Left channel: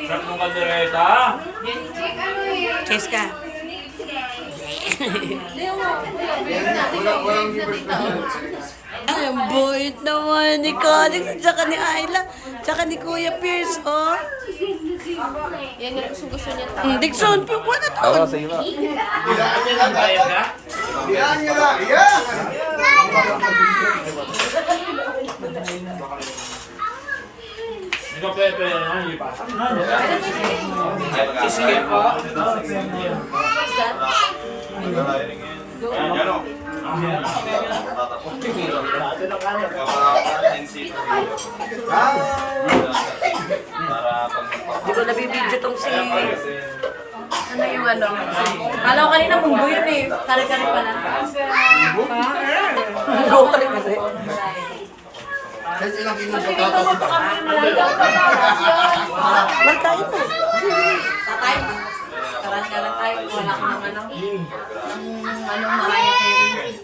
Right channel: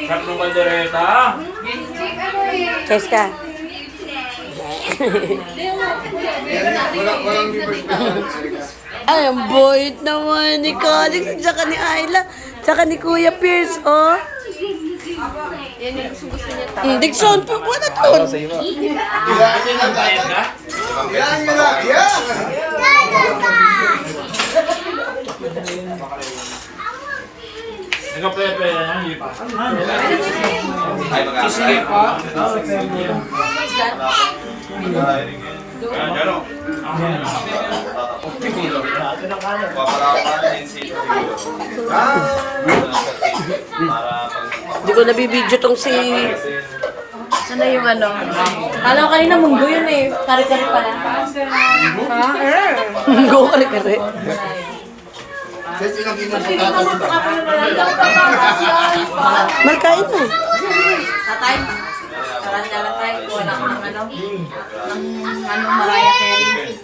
Sarap ng bandereta. Kes ka. Ay, ang boyot naman ni Calix, tsaka ni Ayla, tsaka ni Kuya Pierce, oh. Yan yung gusto niya. Dixon, wala doon. Bayad ka? Nagka-pepe na lang, hindi pa. Isingin pa? Hindi ko nabibidyo tong si... Ano yung ano? Alam ko kanina munggo yun eh. Kari-kari pala. Munggo ko rin kasi. Markain mo. Tatay? Taran na lang tayo. Wala kang ano. Ang Mariah Carey.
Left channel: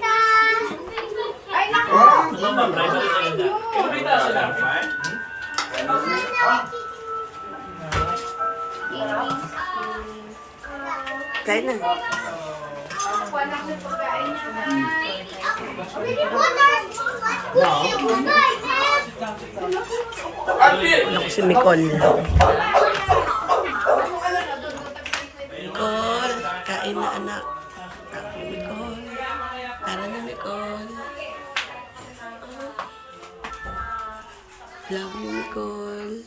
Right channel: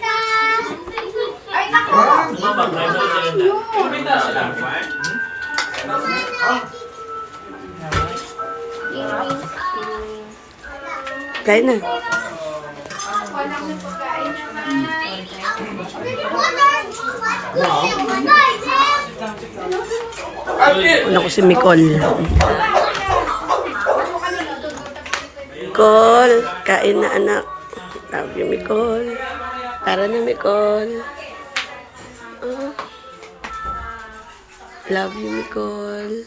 Kain na. Naku si Nicole. Nicole, kain na anak. Love you, Nicole. Para na, Nicole. Oh. Love you, Nicole.